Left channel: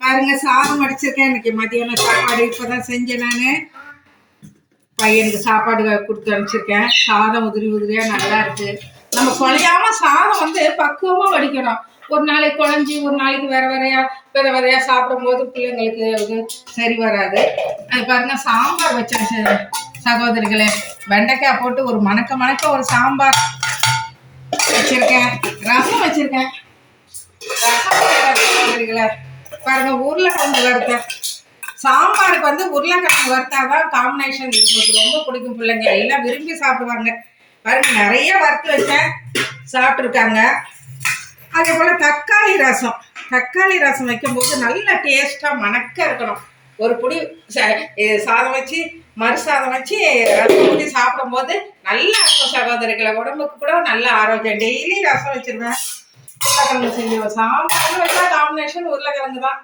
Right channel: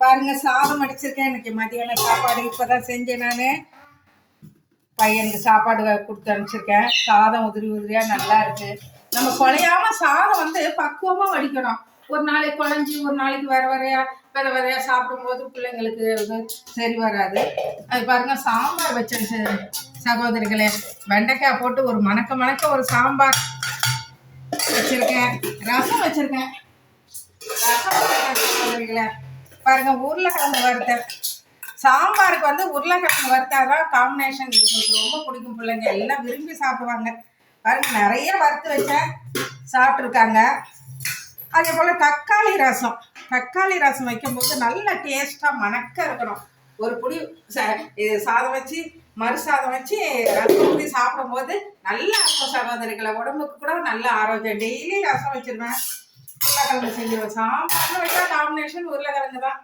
பாருங்க, சாதம் அடிச்சிருக்கேன். இன்னைக்கு மதியானம் சாப்பாடு இப்பதான் செஞ்சேன். நான் பையனுக்கு சாப்பாடு கொடுத்து அனுப்பிச்சிருக்கேன். சாதம் உதிரி உதிரியா நல்லா இருக்கு. நம்ம குழையாம சாதம் பக்குவமா வடிக்கணும். ஒரு நாளைக்கு குழஞ்சி, ஒரு நாளைக்கு வேற வேறையா சாப்பிடும் போது பிள்ளைங்களுக்கு அது சரி வராது. அது பாருங்க, சாம்பார் வச்சிருச்சு சகோதரிகளே. வெண்டைக்காய் போட்டு ஒரு மணக்க ஒரு சாம்பார் வச்சிருக்கேன். ரசம் வச்சிருக்கேன். சகோதரிகளே பாருங்க, உருளைக்கிழங்கு வறுத்தேன். சாம்பாருக்கு உருளைக்கிழங்கு வறுத்தாதான் காம்பினேஷன். எனக்கு ரொம்ப பிடிக்கும். பிள்ளைங்க எல்லாம் விரும்பி சாப்பிடுவாங்க. பாருங்க, நிறைய வறுத்து வச்சேன், சாப்பிட்ருக்காங்க. அதே போல் தக்காளி ரசம் வைக்கும்போது நல்ல டேஸ்ட்டாக மணக்க இருக்கணும். ஒரு புடி சாதம் வச்சு மறு சாதம் வச்சு ரசம் ஊற்றி சாப்பிடும்போது நல்லா இருக்கும் சகோதரிகளை. உடம்புக்கு கூட நல்ல ஆரோக்கியம். டெய்லி ரசம் வச்சிருவேன், உருளைக்கிழங்கு செஞ்சுருவேன். சாம்பார்னு வச்சா காம்பினேஷன் உருளைக்கிழங்கு தான்.